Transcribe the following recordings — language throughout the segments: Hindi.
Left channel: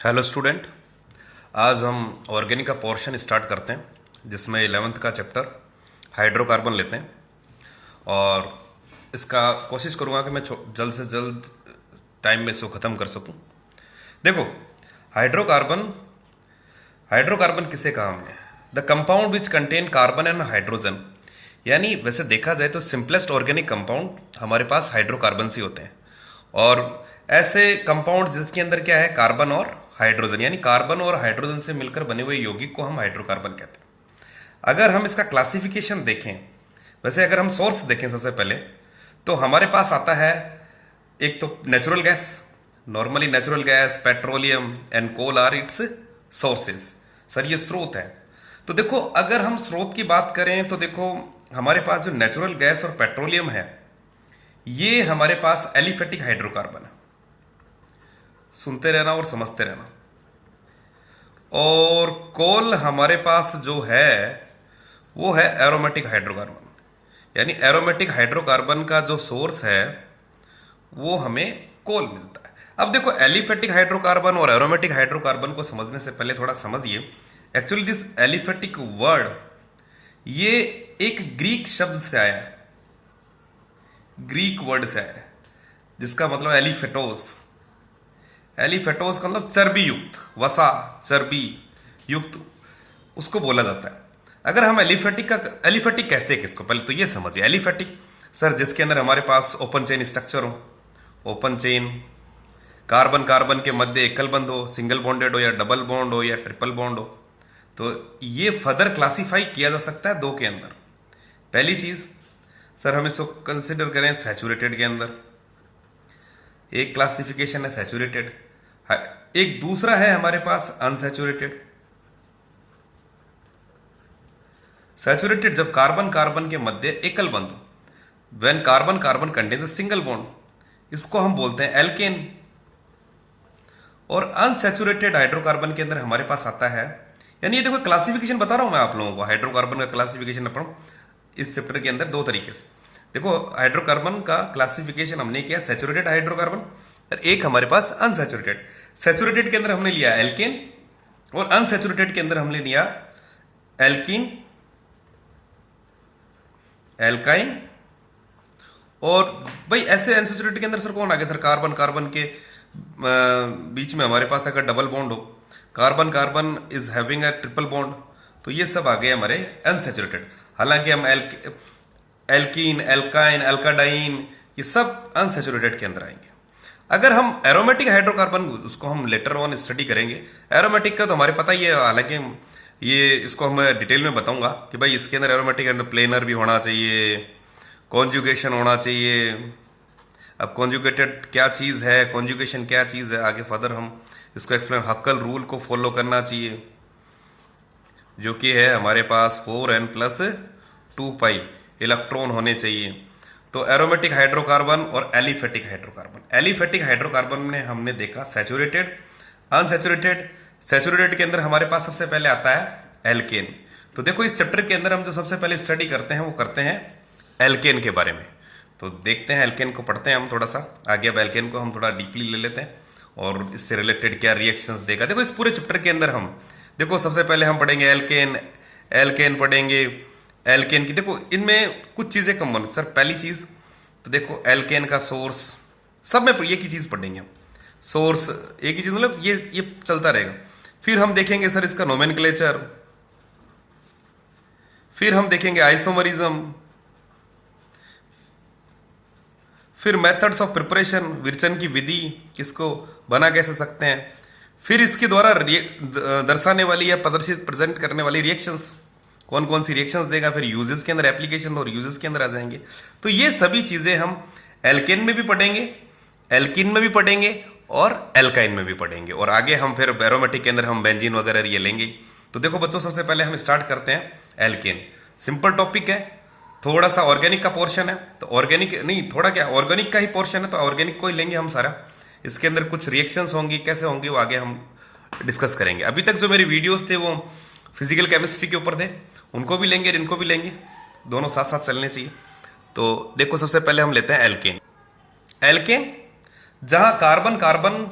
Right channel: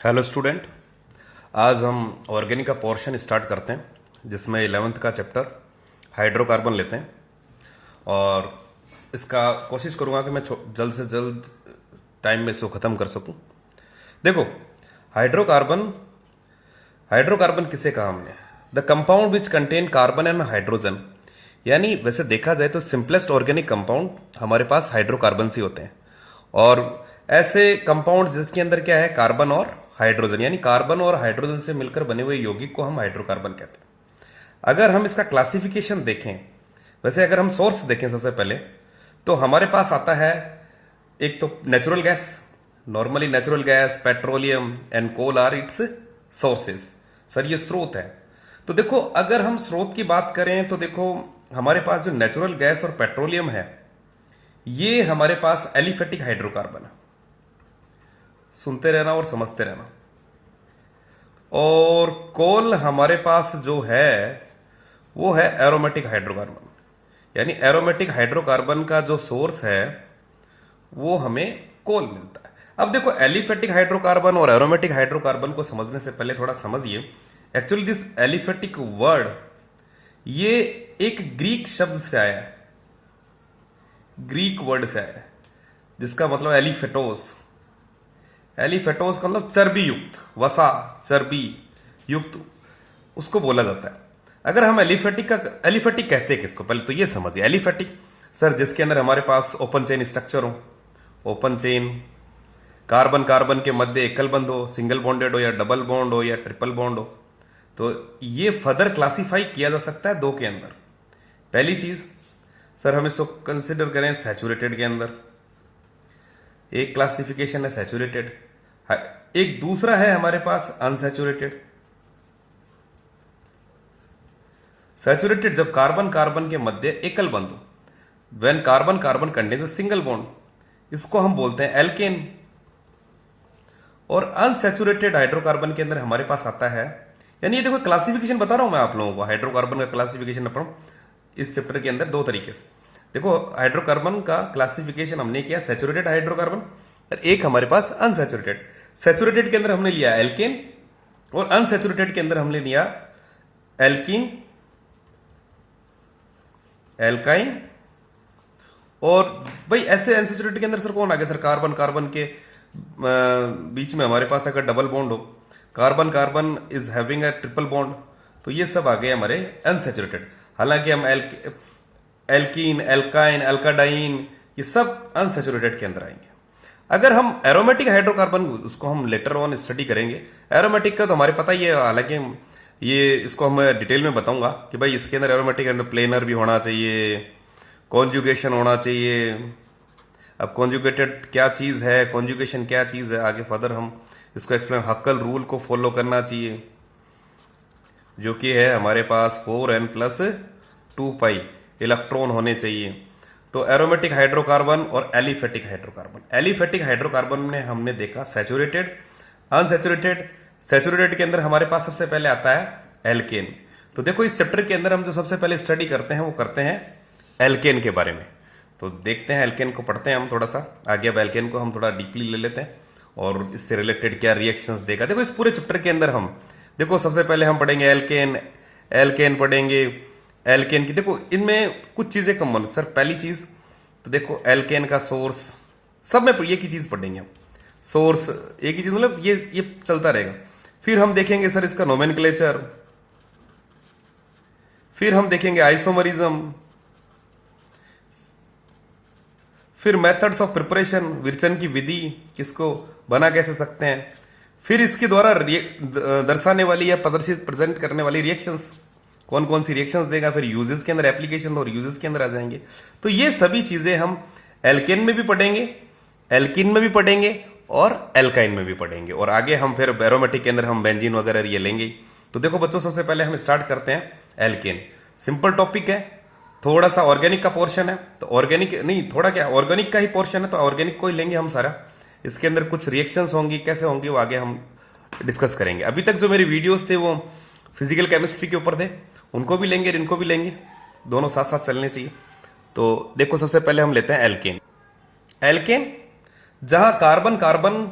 Hello student. आज हम ऑर्गेनिक का पोर्शन स्टार्ट करते हैं जिसमें 11th का चैप्टर हाइड्रोकार्बन लेते हैं और इसका कोशिश करूंगा कि मैं जल्द से जल्द टाइम में इसको ख़त्म कर सकूं। देखो, हाइड्रोकार्बन हाइड्रोकार्बन किसे कहा हमने? The compound which contain carbon and hydrogen. यानी वैसे देखा जाए तो सिंपलेस्ट ऑर्गेनिक कंपाउंड हमारे पास हाइड्रोकार्बन ही होते हैं और ऐसे कंपाउंड जिसके अंदर क्या है, कार्बन और हाइड्रोजन, यानी कार्बन और हाइड्रोजन से मिलकर बने हुए यौगिक को हम हाइड्रोकार्बन कहते हैं। अगर हम इसका क्लासिफिकेशन देखें, वैसे अगर हम सोर्स देखें सबसे पहले, तो हमारे पास आता है एक तो natural gas. Normally natural gas, petroleum and coal are its sources. Sir ये स्रोत है। तो देखो, अगर हम स्रोत की बात करें तो देखो, हमारे पास जो नेचुरल गैस और पेट्रोलियम है ये हमारे पास एलिफेटिक हाइड्रोकार्बन है। सुनते रहना और समझते रहना। और कोल हमारे पास जो है वो है एरोमेटिक हाइड्रोकार्बन। यानी एरोमेटिक हाइड्रोकार्बन का जो सोर्स है वो हमें कोल मिलता है। अब देखो, एलिफेटिक हाइड्रोकार्बन और एरोमेटिक हाइड्रोकार्बन को समझने से पहले थोड़ा समझिए। एक्चुअली दिस एलिफेटिक वर्ड ये एक ग्रीक शब्द से आया है, ग्रीक वर्ड से आया है जिसका मतलब एलिफेटोस। एलिफेटोस का मतलब चर्बी युक्त, वसा, चर्बी युक्त उसको बोला जाता है। अगर हम एलिफेटिक कहते हैं किसको, पहले तो ये समझिए। एलिफेटिक सर जिसके अंदर हमारे पास ओपन चेन स्ट्रक्चर हो, ओपन चेन, कार्बन कार्बन के मध्य एकल बंध हो, सिंगल बॉन्डेड हो या डबल बॉन्ड हो या ट्रिपल बॉन्ड हो, तो ये फर्दर क्लासिफाई किया जा सकता है दो के अंदर। पहली चीज सर हम इसको कंसिडर करें सैचुरेटेड के अंदर, एक क्लासिफिकेशन है सैचुरेटेड, एक दूसरा है हमारे पास अनसैचुरेटेड। सैचुरेटेड जब कार्बन कार्बन के मध्य एकल बंध, when carbon carbon contains a single bond, इसको हम बोलते हैं एल्केन। और अनसैचुरेटेड हाइड्रोकार्बन के अंदर हमारे पास आता है, यानी ये देखो क्लासिफिकेशन बता रहा हूं मैं आप लोगों को। हाइड्रोकार्बन का क्लासिफिकेशन अपन इस चैप्टर के अंदर दो तरीके से देखो। हाइड्रोकार्बन का क्लासिफिकेशन हमने किया सैचुरेटेड हाइड्रोकार्बन और एक हमारे पास अनसैचुरेटेड। सैचुरेटेड के अंदर हमने लिया एल्केन और अनसैचुरेटेड के अंदर हमने लिया एल्कीन, एल्काइन। और भाई ऐसे अनसैचुरेटेड के अंदर सर कौन आ गया? सर कार्बन कार्बन के बीच में हमारे पास अगर डबल बॉन्ड हो, carbon carbon is having a triple bond, तो ये सब आ गए हमारे अनसैचुरेटेड। हालांकि हम एल्कीन, एल्काइन, एल्काडाइन ये सब अनसैचुरेटेड के अंदर आएंगे। अगर हम एरोमेटिक हाइड्रोकार्बन, उसको हम लेटर ऑन स्टडी करेंगे। एरोमेटिक का तो हमारे पता ही है, हालांकि ये इसको हम डिटेल में बताऊंगा कि भाई इसके अंदर एरोमेटिक एंड प्लेनर भी होना चाहिए, कॉन्जुगेशन होना चाहिए। अब कॉन्जुगेटेड क्या चीज है, कॉन्जुगेशन क्या चीज है, आगे फर्दर हम इसको एक्सप्लेन। हक्कल रूल को फॉलो करना चाहिए जो कि है हमारे पास 4n+2π इलेक्ट्रॉन होने चाहिए। तो एरोमेटिक हाइड्रोकार्बन और एलिफेटिक हाइड्रोकार्बन। एलिफेटिक हाइड्रोकार्बन में हमने देखा सैचुरेटेड, अनसैचुरेटेड। सैचुरेटेड के अंदर हमारे पास सबसे पहले आता है एल्केन। तो देखो, इस चैप्टर के अंदर हम जो सबसे पहले स्टडी करते हैं वो करते हैं एल्केन के बारे में। तो देखते हैं एल्केन को, पढ़ते हैं हम थोड़ा सा आगे। अब एल्केन को हम थोड़ा डीपली ले लेते हैं और इससे रिलेटेड क्या रिएक्शंस देगा। देखो, इस पूरे चैप्टर के अंदर हम देखो सबसे पहले हम पढ़ेंगे एल्केन, एल्केन पढ़ेंगे। एल्केन की देखो इनमें कुछ चीजें कॉमन। सर पहली चीज तो देखो एल्केन का सोर्स, सब में एक ही चीज पढ़ेंगे हम, सोर्स एक ही चीज, मतलब ये चलता रहेगा। फिर हम देखेंगे सर इसका नोमेनक्लेचर, फिर हम देखेंगे आइसोमरिज्म, फिर मेथड्स ऑफ प्रिपरेशन, विरचन की विधि, किसको बना कैसे सकते हैं, फिर इसके द्वारा दर्शाने वाली या प्रदर्शित प्रेजेंट करने वाली रिएक्शंस, कौन कौन सी रिएक्शंस देगा, फिर यूजेस के अंदर, एप्लीकेशन और यूजेस के अंदर आ जाएंगे। तो ये सभी चीजें हम एल्केन में भी पढ़ेंगे, एल्कीन में भी पढ़ेंगे और एल्काइन में भी पढ़ेंगे। और आगे हम फिर एरोमेटिक के अंदर हम बेंजीन वगैरह ये लेंगे। तो देखो बच्चों, सबसे पहले हम स्टार्ट करते हैं एल्केन। सिंपल टॉपिक है, थोड़ा सा ऑर्गेनिक का पोर्शन है, तो ऑर्गेनिक नहीं, थोड़ा क्या ऑर्गेनिक का ही पोर्शन है तो ऑर्गेनिक को ही लेंगे हम सारा। इसके अंदर कुछ रिएक्शंस होंगी, कैसे होंगी वो आगे हम डिस्कस करेंगे। अभी तक जो मेरे वीडियोस थे वो फिजिकल केमिस्ट्री के ऊपर थे, उनको भी लेंगे, इनको भी लेंगे, दोनों साथ साथ चलने चाहिए। तो देखो सबसे पहले हम लेते हैं एल्केन। एल्केन जहां कार्बन कार्बन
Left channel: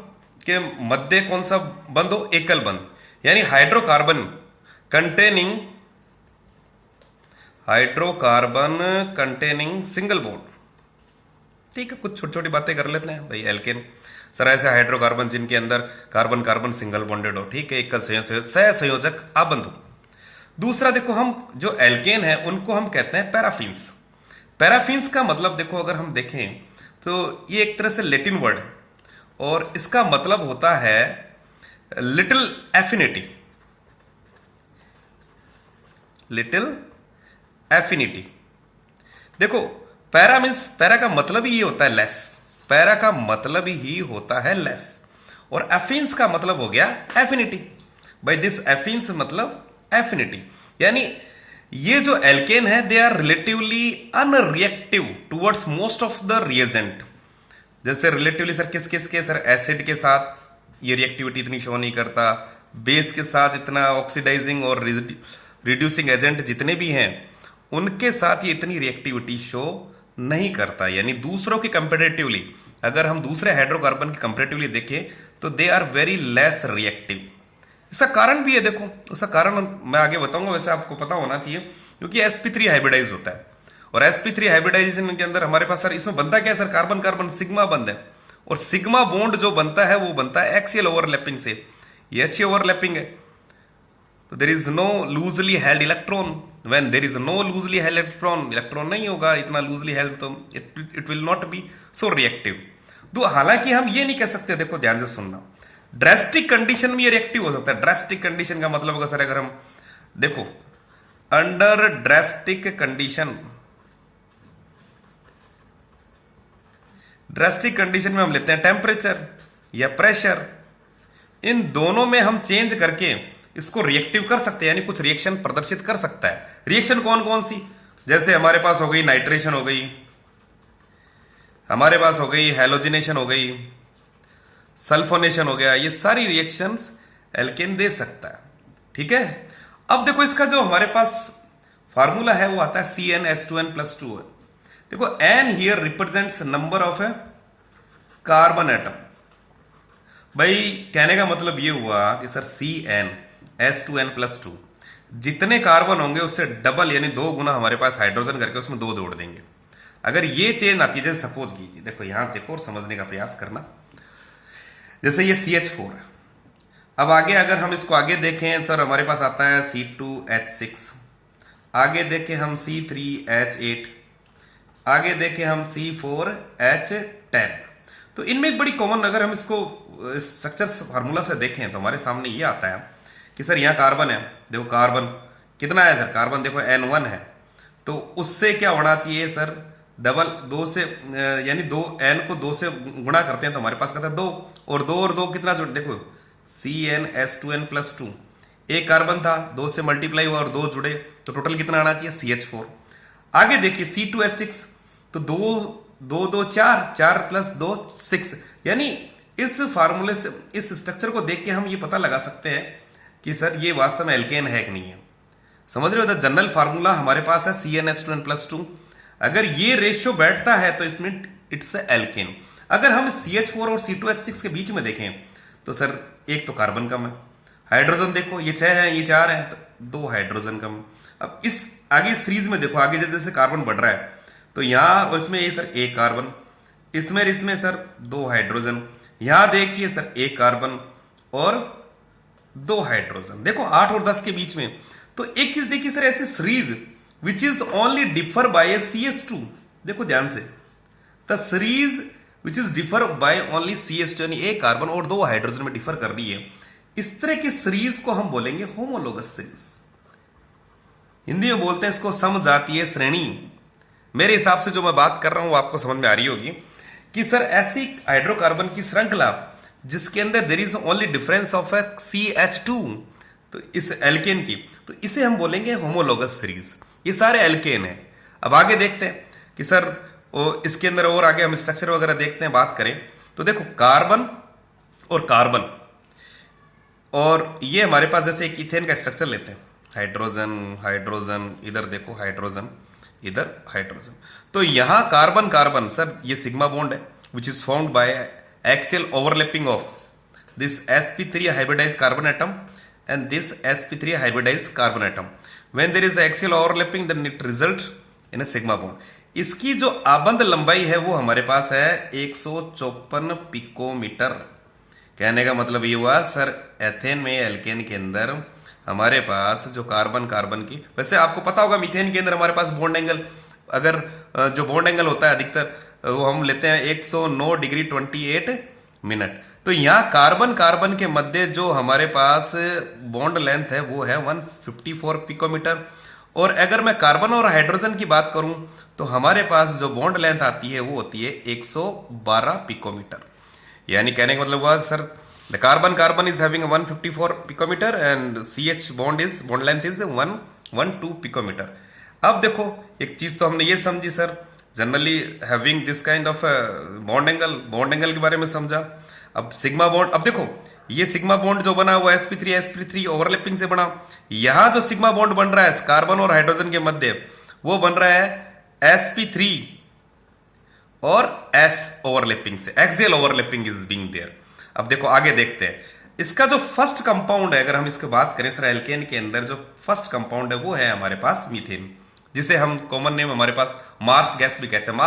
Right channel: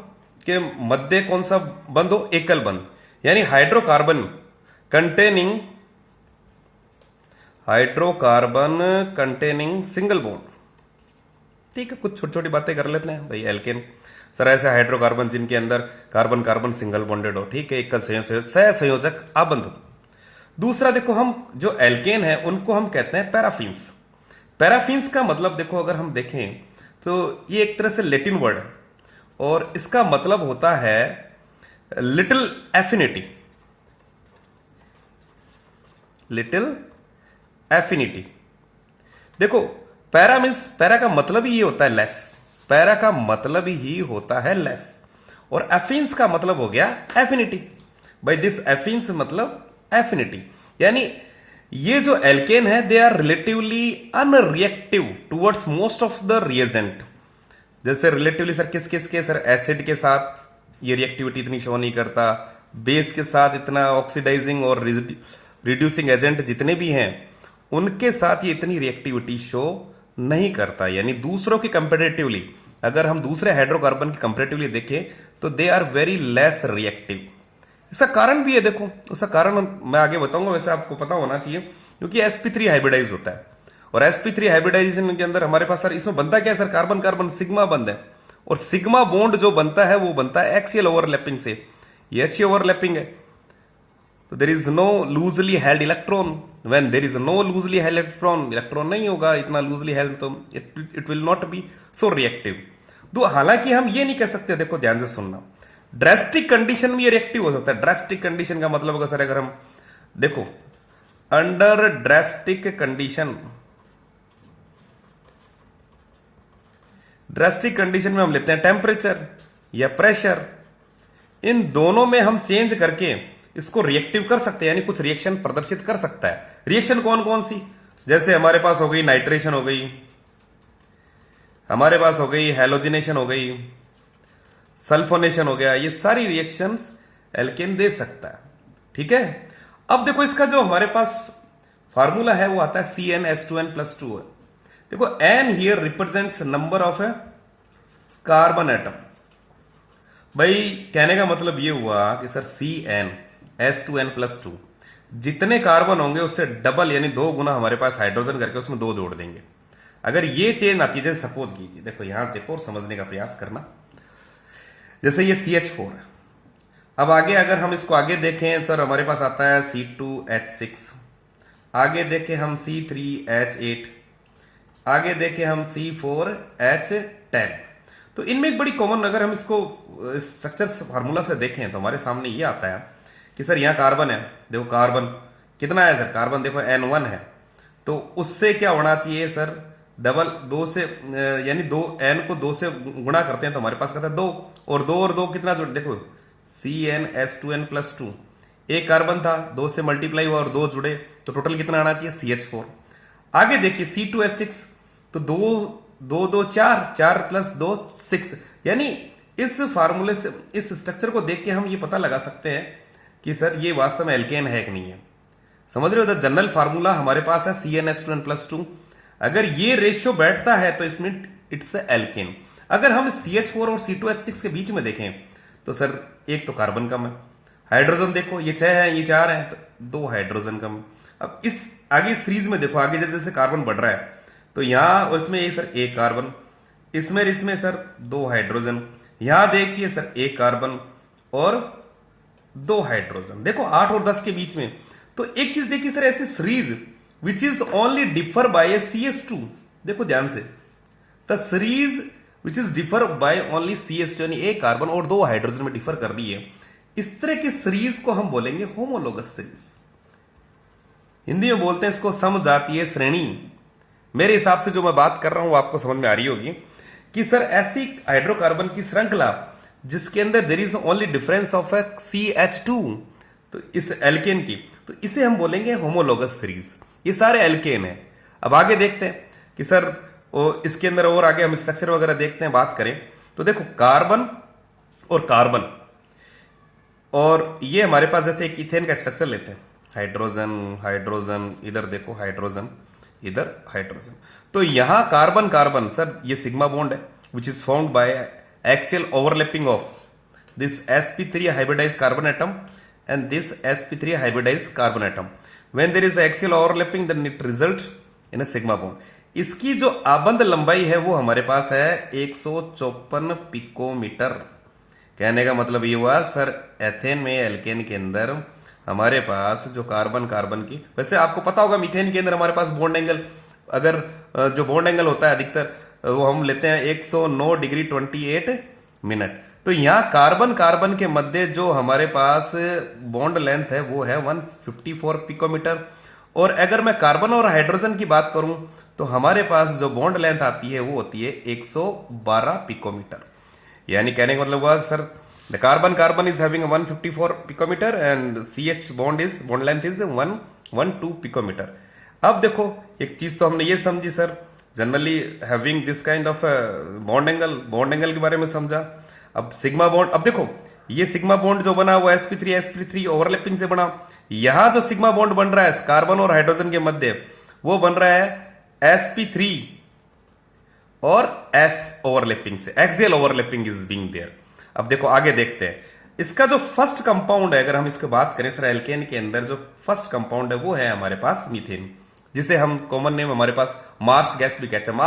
के मध्य कौन सा बंद हो, एकल बंद, यानी हाइड्रोकार्बन कंटेनिंग सिंगल बॉन्ड। ठीक है, कुछ छोटी छोटी बातें कर लेते हैं भाई। एल्केन सर ऐसे हाइड्रोकार्बन जिनके अंदर कार्बन कार्बन सिंगल बॉन्डेड हो, ठीक है, एकल सहसंयोजक आबंध हो। दूसरा देखो, हम जो एल्केन है उनको हम कहते हैं पैराफिन्स। पैराफिन्स का मतलब देखो, अगर हम देखें तो ये एक तरह से लैटिन वर्ड है और इसका मतलब होता है लिटिल एफिनिटी। लिटिल एफिनिटी देखो, पैरा मीन्स, पैरा का मतलब ही ये होता है लेस, पैरा का मतलब ही होता है लेस, और एफिन्स का मतलब हो गया एफिनिटी। भाई दिस एफिन्स मतलब एफिनिटी, यानी ये जो एल्केन है they are relatively unreactive towards most of the reagent. जैसे रिलेटिवली सर किस किस के, सर एसिड के साथ ये रिएक्टिविटी इतनी शो नहीं करता, बेस के साथ इतना ऑक्सीडाइजिंग और रिड्यूसिंग एजेंट जितने भी हैं उनके साथ ये इतनी रिएक्टिविटी शो नहीं करता। यानी दूसरों की कंपेरेटिवली, अगर हम दूसरे हाइड्रोकार्बन की कंपेरेटिवली देखें तो they are very less reactive. इसका कारण भी है, देखो उसका कारण मैं आगे बताऊंगा, वैसे आपको पता होना चाहिए, क्योंकि sp3 हाइब्रिडाइज होता है और sp3 हाइब्रिडाइजेशन के अंदर हमारे पास सर इसमें बनता क्या है सर, कार्बन कार्बन सिग्मा बंद है, और सिग्मा बॉन्ड जो बनता है वो बनता है एक्सियल ओवरलैपिंग से, ये अच्छी ओवरलैपिंग है। तो there is no loosely held electron, when there is no loosely held electron, electron नहीं होगा इतना लूजली हेल्ड, तो it will not be so reactive. तो हालांकि हम ये नहीं कह सकते, देखो ध्यान से सुनना, ड्रेस्टिक कंडीशन में ये रिएक्टिव हो सकता है। ड्रेस्टिक कंडीशन का मतलब होगा सर, अगर हम देखो under drastic condition, drastic condition में हम लेते हैं टेम्परेचर या प्रेशर, इन दोनों में हम चेंज करके इसको रिएक्टिव कर सकते हैं, यानी कुछ रिएक्शन प्रदर्शित कर सकता है। रिएक्शन कौन कौन सी, जैसे हमारे पास हो गई नाइट्रेशन हो गई, हमारे पास हो गई हैलोजिनेशन हो गई, सल्फोनेशन हो गया, ये सारी रिएक्शंस एल्केन दे सकता है। ठीक है, अब देखो इसका जो हमारे पास फार्मूला है वो आता है CnH2n+2 है। देखो n here represents number of A carbon atom. भाई कहने का मतलब ये हुआ कि सर CnH2n+2 जितने कार्बन होंगे उससे डबल यानी 2 गुना हमारे पास हाइड्रोजन करके उसमें 2 जोड़ देंगे। अगर ये चेंज आती है, जैसे सपोज कीजिए, देखो यहां देखो और समझने का प्रयास करना, जैसे ये CH4 है, अब आगे अगर हम इसको आगे देखें सर हमारे पास आता है C2H6, आगे देखें हम C3H8, आगे देखें हम C4H10। तो इनमें एक बड़ी कॉमन, अगर हम इसको स्ट्रक्चर फार्मूला से देखें तो हमारे सामने ये आता है कि सर यहाँ कार्बन है, देखो कार्बन कितना है सर, कार्बन देखो N1 है, तो उससे क्या होना चाहिए सर, डबल 2 से, यानी 2 n को 2 से गुणा करते हैं तो हमारे पास कहता है 2, और 2 और 2 कितना जोड़, देखो CnH2n+2, एक कार्बन था 2 से मल्टीप्लाई हुआ और 2 जुड़े तो टोटल कितना आना चाहिए CH4। आगे देखिए C2H6, तो 2 2 4, 4 + 2 6, यानी इस फार्मूले से, इस स्ट्रक्चर को देख के हम ये पता लगा सकते हैं कि सर ये वास्तव में एल्केन है कि नहीं है। समझ रहे हो, द जनरल फार्मूला हमारे पास है CnH2n+2, अगर ये रेशियो बैठता है तो इसमें इट्स एल्केन। अगर हम CH4 और C2H6 के बीच में देखें तो सर एक तो कार्बन कम है, हाइड्रोजन देखो ये 6 है ये 4 है, तो 2 हाइड्रोजन कम। अब इस आगे सीरीज में देखो, आगे जैसे जैसे कार्बन बढ़ रहा है तो यहां और इसमें ये सर एक कार्बन, इसमें सर 2 हाइड्रोजन, यहां देखिए सर एक कार्बन और 2 हाइड्रोजन, देखो 8 और 10 के बीच में। तो एक चीज देखिए सर, ऐसी series which is only differ by A CH2, देखो ध्यान से, the series which is differ by only CH2, यानी एक कार्बन और 2 हाइड्रोजन में डिफर कर रही है, इस तरह की सीरीज को हम बोलेंगे होमोलोगस सीरीज। हिंदी में बोलते हैं इसको समजातीय श्रेणी। मेरे हिसाब से जो मैं बात कर रहा हूं वो आपको समझ में आ रही होगी कि सर ऐसी हाइड्रोकार्बन की श्रृंखला जिसके अंदर there is only difference of A CH2, तो इस एल्केन की, तो इसे हम बोलेंगे होमोलोगस सीरीज। ये सारे एल्केन है। अब आगे देखते हैं कि सर इसके अंदर और आगे हम स्ट्रक्चर वगैरह देखते हैं, बात करें तो देखो कार्बन और कार्बन, और ये हमारे पास जैसे एक इथेन का स्ट्रक्चर लेते हैं, हाइड्रोजन हाइड्रोजन, इधर देखो हाइड्रोजन, इधर हाइड्रोजन, तो यहां कार्बन कार्बन सर ये सिग्मा बॉन्ड है which is found by axial overlapping of this sp3 hybridized carbon atom and this sp3 hybridized carbon atom. When there is axial overlapping, then it results in a sigma bond. इसकी जो आबंध लंबाई है वो हमारे पास है 154 पिकोमीटर। कहने का मतलब ये हुआ सर एथेन में एल्केन के अंदर हमारे पास जो कार्बन कार्बन की, वैसे आपको पता होगा मीथेन के अंदर हमारे पास बॉन्ड एंगल, अगर जो बॉन्ड एंगल होता है अधिकतर वो हम लेते हैं 109 डिग्री 28 मिनट। तो यहाँ कार्बन कार्बन के मध्य जो हमारे पास बॉन्ड लेंथ है वो है 154 पिकोमीटर। और अगर मैं कार्बन और हाइड्रोजन की बात करूं तो हमारे पास जो बॉन्ड लेंथ आती है वो होती है 112 पिकोमीटर। यानी कहने का मतलब हुआ sir the carbon carbon is having 154 picometer and CH bond length is 112 picometer. अब देखो एक चीज तो हमने ये समझी sir, generally having this kind of bond angle के बारे में समझा। अब सिग्मा बॉन्ड, अब देखो ये सिग्मा बॉन्ड जो बना वो sp3 ओवरलैपिंग से बना। यहां जो सिग्मा बॉन्ड बन रहा है कार्बन और हाइड्रोजन के मध्य वो बन रहा है sp3 और s ओवरलैपिंग से, axial overlapping is being there. अब देखो आगे देखते हैं इसका जो फर्स्ट कंपाउंड है, अगर हम इसकी बात करें सर एल्केन के अंदर जो फर्स्ट कंपाउंड है वो है हमारे पास मीथेन, जिसे हम कॉमन नेम हमारे पास मार्स गैस भी कहते हैं।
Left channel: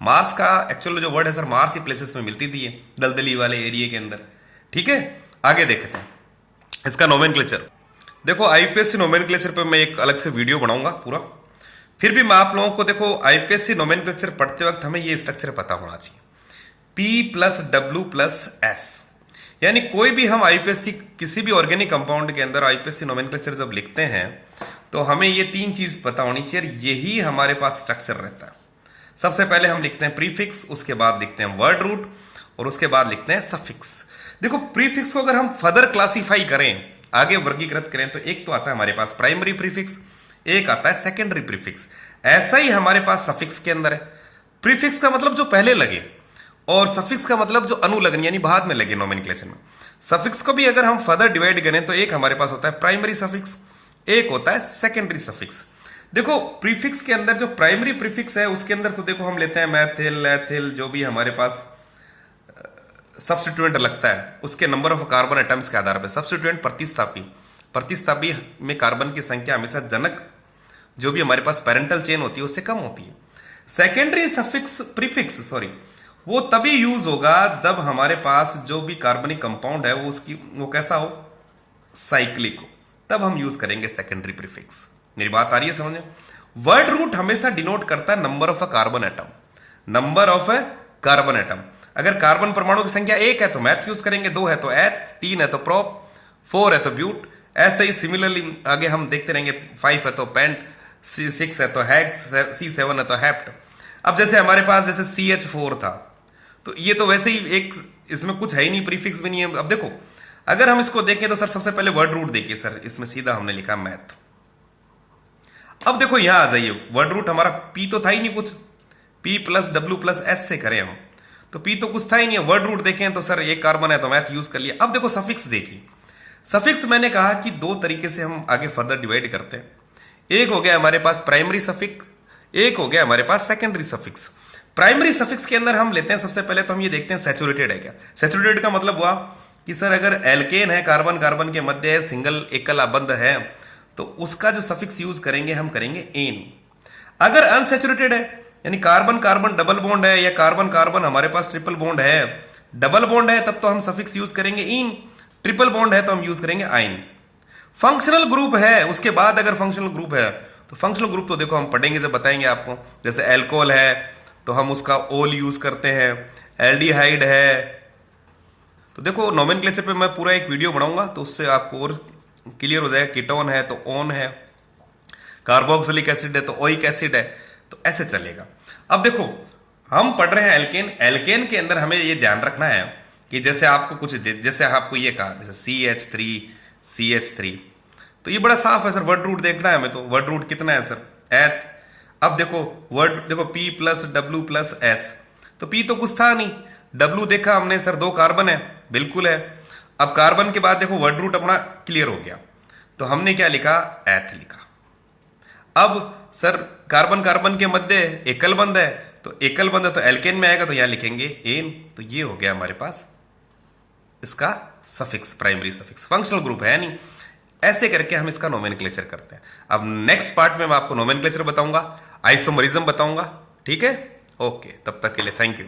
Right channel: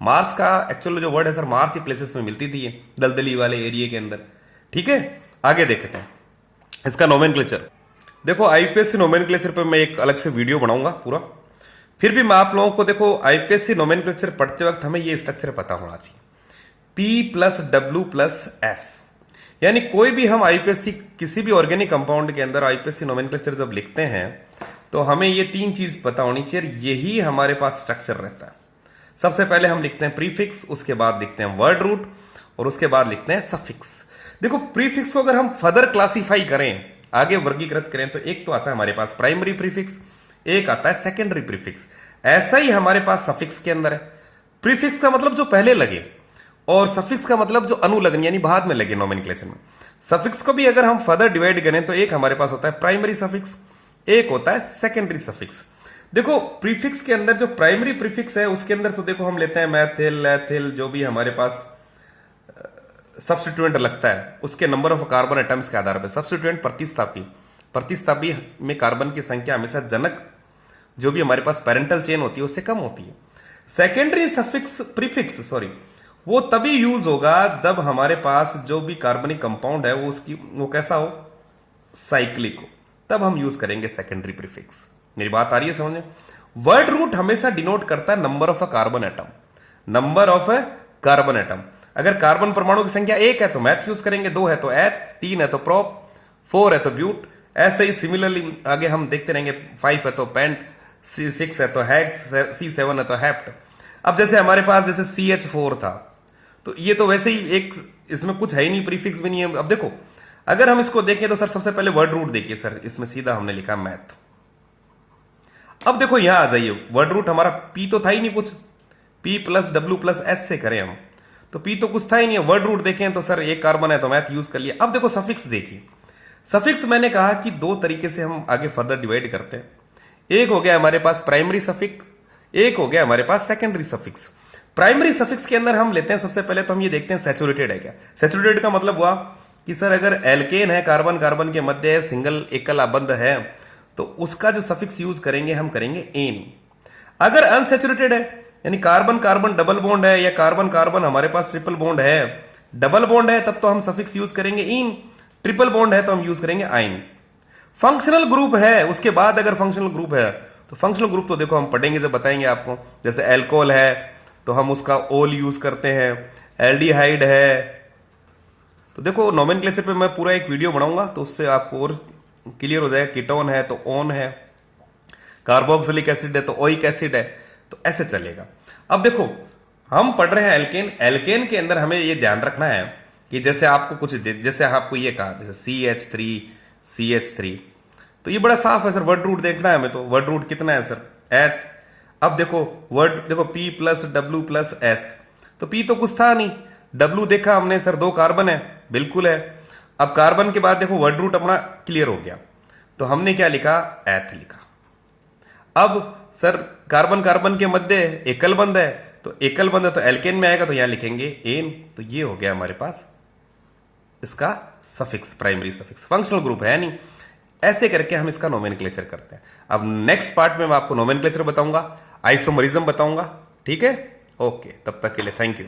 मार्स का एक्चुअल जो वर्ड है सर मार्स ही प्लेसेस में मिलती थी दलदली वाले एरिया के अंदर। ठीक है, आगे देखते हैं इसका नोमेनक्लेचर। देखो आईपीएससी नोमेनक्लेचर पे मैं एक अलग से वीडियो बनाऊंगा पूरा। फिर भी मैं आप लोगों को देखो आईपीएससी नोमेनक्लेचर पढ़ते वक्त हमें ये स्ट्रक्चर पता होना चाहिए, P+W+S। यानी कोई भी हम आईपीएससी किसी भी ऑर्गेनिक कंपाउंड के अंदर आईपीएससी नोमेनक्लेचर जब लिखते हैं तो हमें ये तीन चीज पता होनी चाहिए, यही हमारे पास स्ट्रक्चर रहता है। सबसे पहले हम लिखते हैं प्रीफिक्स, उसके बाद लिखते हैं वर्ड रूट और उसके बाद लिखते हैं सफिक्स। देखो प्रीफिक्स को अगर हम फर्दर क्लासिफाई करें, आगे वर्गीकृत करें, तो एक तो आता है हमारे पास प्राइमरी प्रीफिक्स, एक आता है सेकेंडरी प्रीफिक्स। ऐसा ही हमारे पास सफिक्स के अंदर है। प्रीफिक्स का मतलब जो पहले लगे और सफिक्स का मतलब जो अनुलग्न यानी बाद में लगे नोमेनक्लेचर में। सफिक्स को भी अगर हम फर्दर डिवाइड करें तो एक हमारे पास होता है प्राइमरी सफिक्स, एक होता है सेकेंडरी सफिक्स। देखो प्रीफिक्स के अंदर जो प्राइमरी प्रीफिक्स है उसके अंदर तो देखो हम लेते हैं मैथिल, एथिल, जो भी हमारे पास सब्स्टिट्यूएंट लगता है उसके नंबर ऑफ कार्बन एटम्स के आधार पर। सब्स्टिट्यूएंट प्रतिस्थापी में कार्बन की संख्या हमेशा जनक जो भी हमारे पास पेरेंटल चेन होती है उससे कम होती है। सेकेंडरी सफिक्स प्रीफिक्स वो तभी यूज होगा जब हमारे पास जो भी कार्बनिक कंपाउंड है वो कैसा हो, साइक्लिक हो, तब हम यूज करेंगे सेकेंडरी प्रीफिक्स। मेरी बात आ रही है समझ? वर्ड रूट हमेशा डिनोट करता है number of a carbon atom, number of a carbon atom. अगर कार्बन परमाणु की संख्या 1 है तो मैथ यूज करेंगे, 2 है तो एथ, 3 है तो प्रोप, 4 है तो ब्यूट। ऐसे ही सिमिलरली आगे हम देखते रहेंगे, 5 है तो पेंट, 6 है तो हेक्स, C7 है तो हेप्ट। अब जैसे हमारे पास जैसे CH4 था तो ये तो वैसे ही एक, इसमें कुछ है ही नहीं, प्रीफिक्स भी नहीं है। अब देखो अगर हम इसको देखें तो सर सबसे पहले वर्ड रूट देखिए सर, इसमें सीधा हमने लिखा मैथ। अब देखो यहां आ जाइए, वर्ड रूट हमारा P तो था ही नहीं कुछ, P+W+S से करें हम तो P तो कुछ था ही नहीं है। वर्ड रूट देखें तो सर एक कार्बन है तो मैथ यूज कर लिया। अब देखो सफिक्स देखिए, सफिक्स मैंने कहा कि दो तरीके से हम आगे फर्दर डिवाइड करते हैं। एक हो गया हमारे पास प्राइमरी सफिक्स, एक हो गया हमारे पास सेकेंडरी सफिक्स। प्राइमरी सफिक्स के अंदर हम लेते हैं सबसे पहले तो हम ये देखते हैं सैचुरेटेड है क्या। सैचुरेटेड का मतलब हुआ कि सर अगर एल्केन है, कार्बन कार्बन के मध्य सिंगल एकल आबंध है तो उसका जो सफिक्स यूज करेंगे हम करेंगे एन। अगर अनसैचुरेटेड है यानी कार्बन कार्बन डबल बॉन्ड है या कार्बन कार्बन हमारे पास ट्रिपल बॉन्ड है, डबल बॉन्ड है तब तो हम सफिक्स यूज करेंगे इन, ट्रिपल बॉन्ड है तो हम यूज करेंगे आइन। फंक्शनल ग्रुप है उसके बाद, अगर फंक्शनल ग्रुप है तो फंक्शनल ग्रुप तो देखो हम पढ़ेंगे जब बताएंगे आपको। जैसे एल्कोहल है तो हम उसका ओल यूज करते हैं, एल्डिहाइड है तो देखो नोमेनक्लेचर पे मैं पूरा एक वीडियो बनाऊंगा तो उससे आपको और क्लियर हो जाएगा। कीटोन है तो ओन है, कार्बोक्सिलिक एसिड है तो ओइक एसिड है, तो ऐसे चलेगा। अब देखो हम पढ़ रहे हैं एल्केन, एल्केन के अंदर हमें ये ध्यान रखना है कि जैसे आपको कुछ जैसे आपको ये कहा जैसे CH3 तो ये बड़ा साफ है सर, वर्ड रूट देखना है हमें। तो वर्ड रूट कितना है सर, एथ। अब देखो वर्ड देखो P+W+S तो P तो कुछ था नहीं, W देखा हमने सर 2 कार्बन है, बिल्कुल है। अब कार्बन के बाद देखो वर्ड रूट अपना क्लियर हो गया तो हमने क्या लिखा, एथ लिखा। अब सर कार्बन कार्बन के मध्य एकल बंध है तो एल्केन में आएगा तो यहां लिखेंगे एन। तो ये हो गया हमारे पास इसका suffix, primary suffix, functional group है नहीं। ऐसे करके हम इसका नोमेनक्लेचर करते हैं। अब नेक्स्ट पार्ट में मैं आपको नोमेनक्लेचर बताऊंगा, आइसोमरिज्म बताऊंगा, ठीक है। ओके, तब तक के लिए थैंक यू।